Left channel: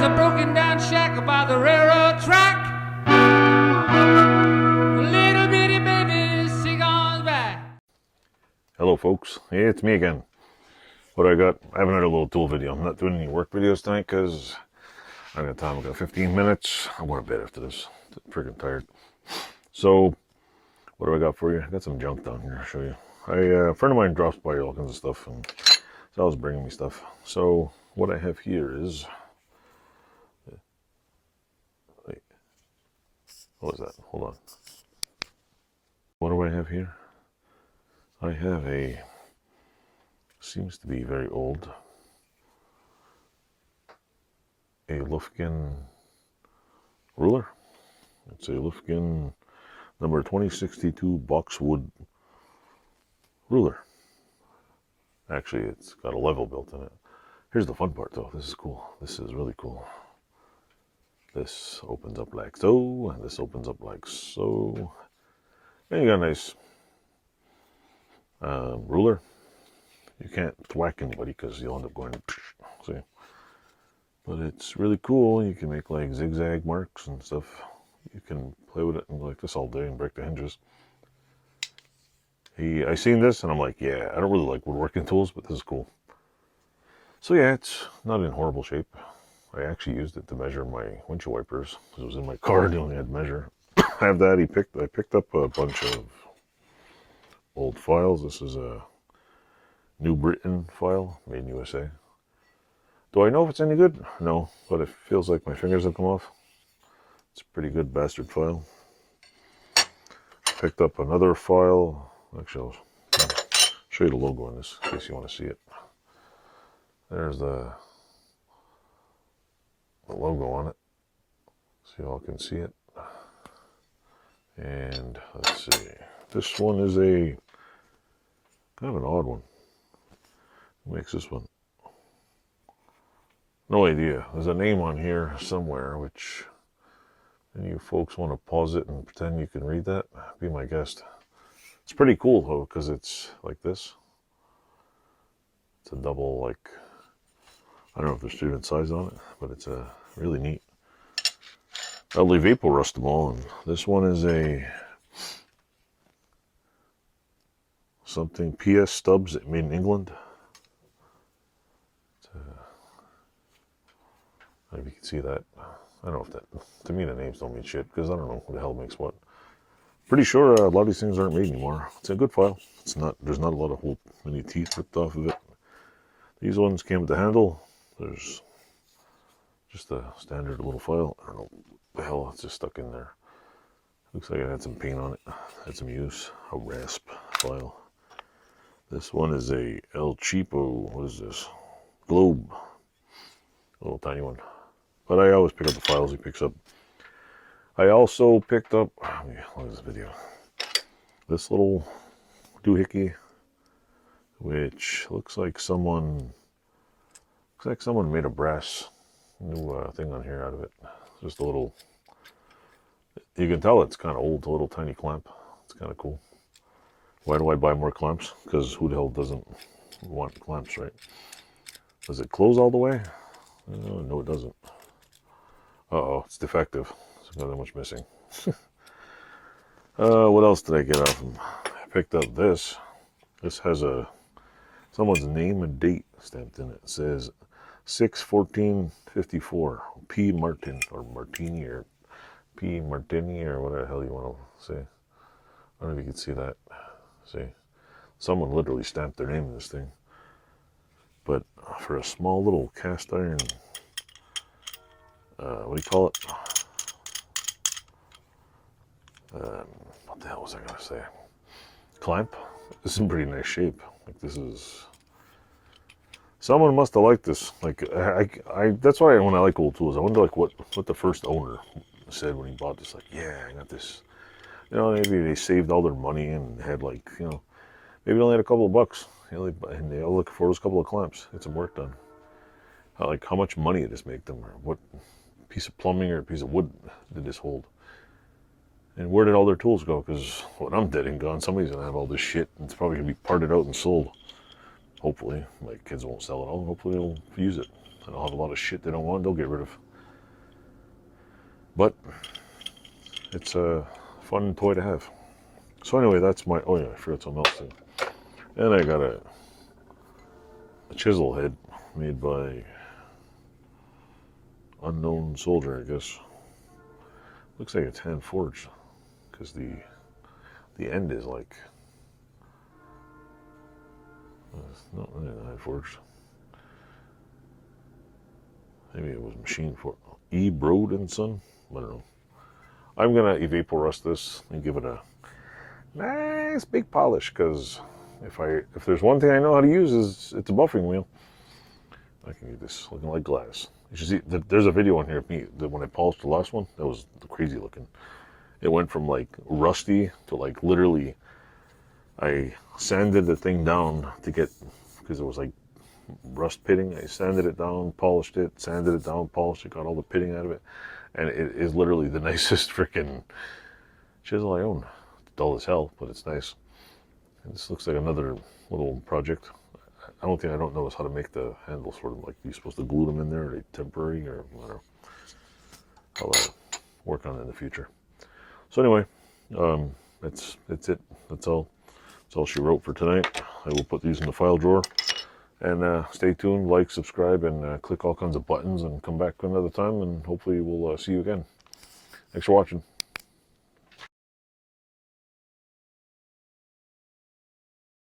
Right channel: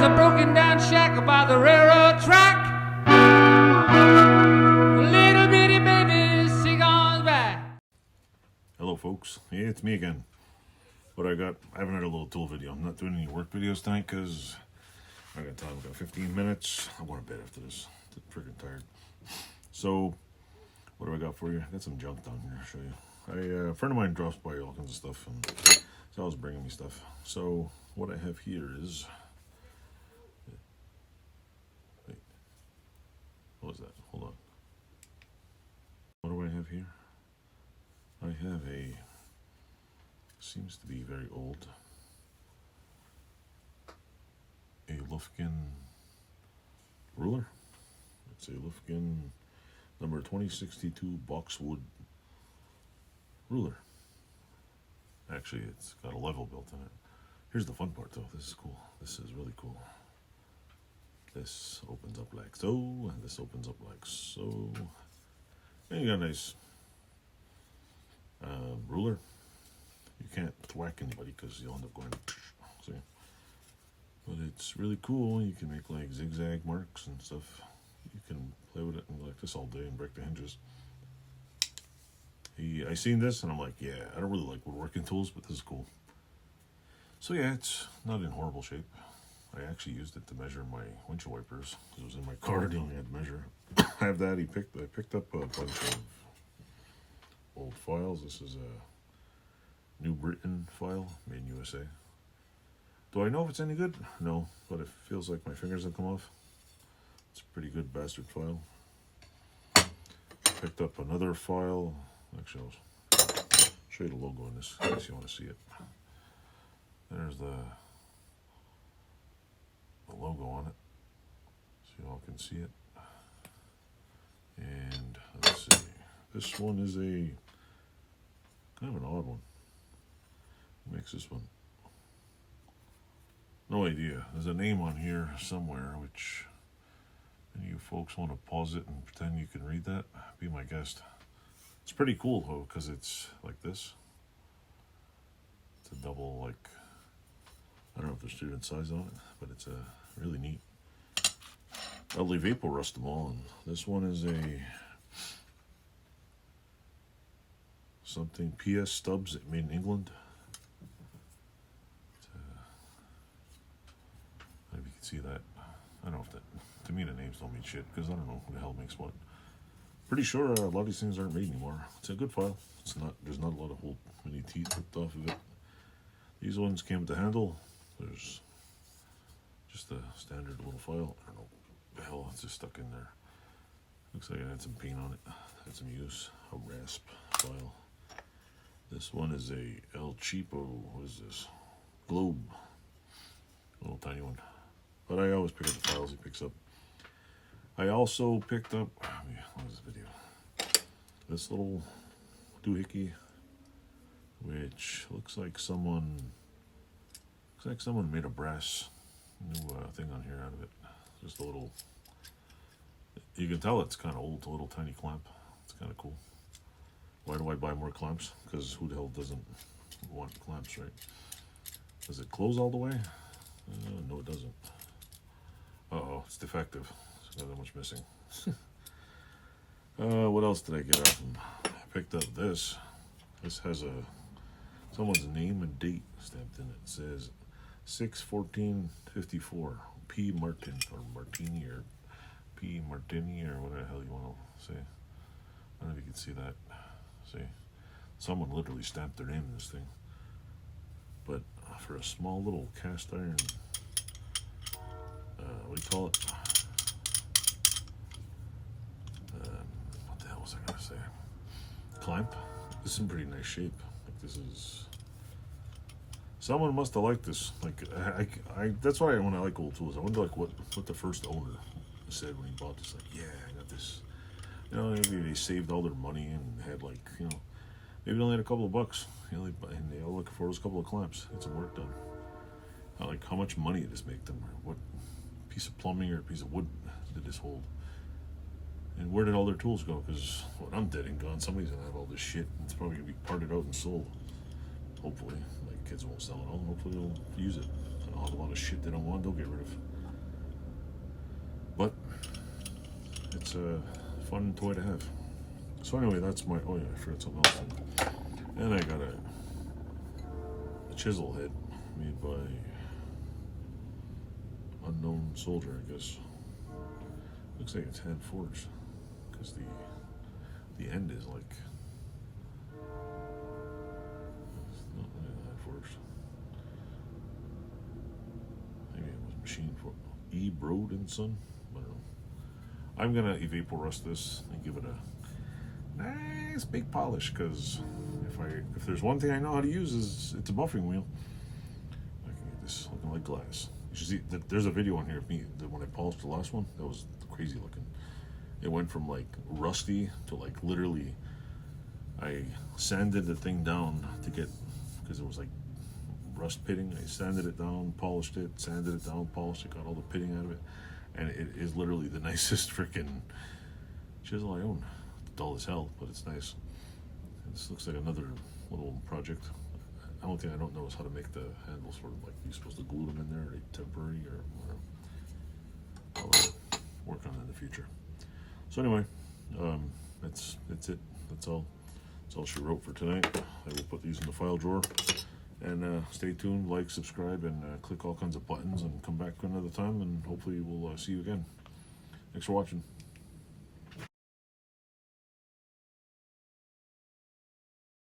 There's a broken down shack by the railroad track. Little bitty baby, sing on back. Hello folks, hey, it's me again. What I got, I have another little tool video. I'm not doing any work videos tonight because I got time. I got 15 minutes. I'm going to bed after this. I'm freaking tired. So, what do I got for you? I got some junk down here. I'll show you. A friend of mine drops by all kinds of stuff, and so I was bringing me stuff. So, what I have here is, wait, what was that? Hold on. What do I have here? I have a, seems to be very old, a Lufkin ruler. It's a Lufkin number 2062 boxwood ruler. Actually, it's got a level built in it. Here's the fun part though. This is cool. This is really cool. This opens up like so, and this opens up like so. And you got a nice ruler. You can't thwack anybody because you'll end up going, see. But it's really cool. You can make like zigzag marks and stuff. You can play with it and like this all day and break the hinges. I seen this and I'm like, yeah, I don't really like woodworking tools, but this is cool. So yeah, it's not in horrible shape. I actually used it to measure my windshield wipers because it was in my car. I only had to measure. I have that. I picked up a bunch of old files. This is a New Britain file, made in USA. Do I know if it's any good? No, but it feels like my fingers have come off. It's a pretty good bastard file. Picked up another file. Actually, I'll show you the logo on this in case you want to see it. There's the logo on it, so you all can see it. And let's see, this one is a kind of an odd one. Who makes this one? No idea. There's a name on here somewhere, which any of you folks want to pause it and pretend you can read that, be my guest. It's pretty cool though, because it's like this. It's a double, like, I don't know if there's student size on it, but it's a really neat. I'll leave April rust them all, and this one is a something PS Stubbs made in England. I don't know if you can see that. I don't know if that, to me the names don't mean shit, because I don't know who the hell makes what. Pretty sure a lot of these things aren't made anymore. It's a good file. It's not, there's not a lot of many teeth ripped off of it. These ones came with the handle. There's just a standard little file. I don't know what the hell, it's just stuck in there. Looks like it had some paint on it. Had some use. A rasp file. This one is a El Cheapo, what is this? Globe. Little tiny one. But I always pick up the files he picks up. I also picked up, what is this video? This little doohickey, which looks like someone made a brass new thing on here out of it. Just a little, you can tell it's kind of old, a little tiny clamp. It's kind of cool. Why do I buy more clamps? Because who the hell doesn't want clamps, right? Does it close all the way? No, it doesn't. Uh-oh, it's defective. There's not that much missing. What else did I get off him? I picked up this. This has someone's name and date stamped in it. It says 6/14/54. P. Martin, or Martini, or P. Martini, or whatever the hell you want to say. I don't know if you can see that. See? Someone literally stamped their name in this thing. But for a small little cast iron, what do you call it? What the hell was I going to say? Clamp? This is in pretty nice shape. Like this is, someone must have liked this. Like that's why when I like old tools, I wonder like what the first owner said when he bought this. Like, yeah, I got this. You know, maybe they saved all their money and had like, you know, maybe they only had a couple of bucks. You know, and they all looking for those couple of clamps. Get some work done. Like how much money did this make them, or what piece of plumbing or a piece of wood did this hold? And where did all their tools go? Because when I'm dead and gone, somebody's gonna have all this shit, and it's probably gonna be parted out and sold. Hopefully, my kids won't sell it all. Hopefully, they'll use it. And I'll have a lot of shit they don't want. They'll get rid of. but it's a fun toy to have. So anyway, that's my, oh yeah, I forgot something else. And I got a chisel head made by unknown soldier, I guess. Looks like it's hand forged because the end is like, not really hand forged. Maybe it was machine for E. Broad and Son. I don't know. I'm gonna evapor rust this and give it a nice big polish, because if there's one thing I know how to use, is it's a buffing wheel. I can get this looking like glass. You should see there's a video on here of me that when I polished the last one, that was crazy looking. It went from like rusty to like literally, I sanded the thing down to get, because it was like rust pitting. I sanded it down, polished it, sanded it down, polished it, got all the pitting out of it, and it is literally the nicest freaking chisel I own. Dull as hell, but it's nice. This looks like another little project. I don't know is how to make the handles for them. Like, you're supposed to glue them in there, or they temporary, or I don't know. I'll work on it in the future. So anyway, that's it. That's all she wrote for tonight. I will put these in the file drawer. And stay tuned, like, subscribe, and click all kinds of buttons, and come back another time, and hopefully we'll see you again. Thanks for watching.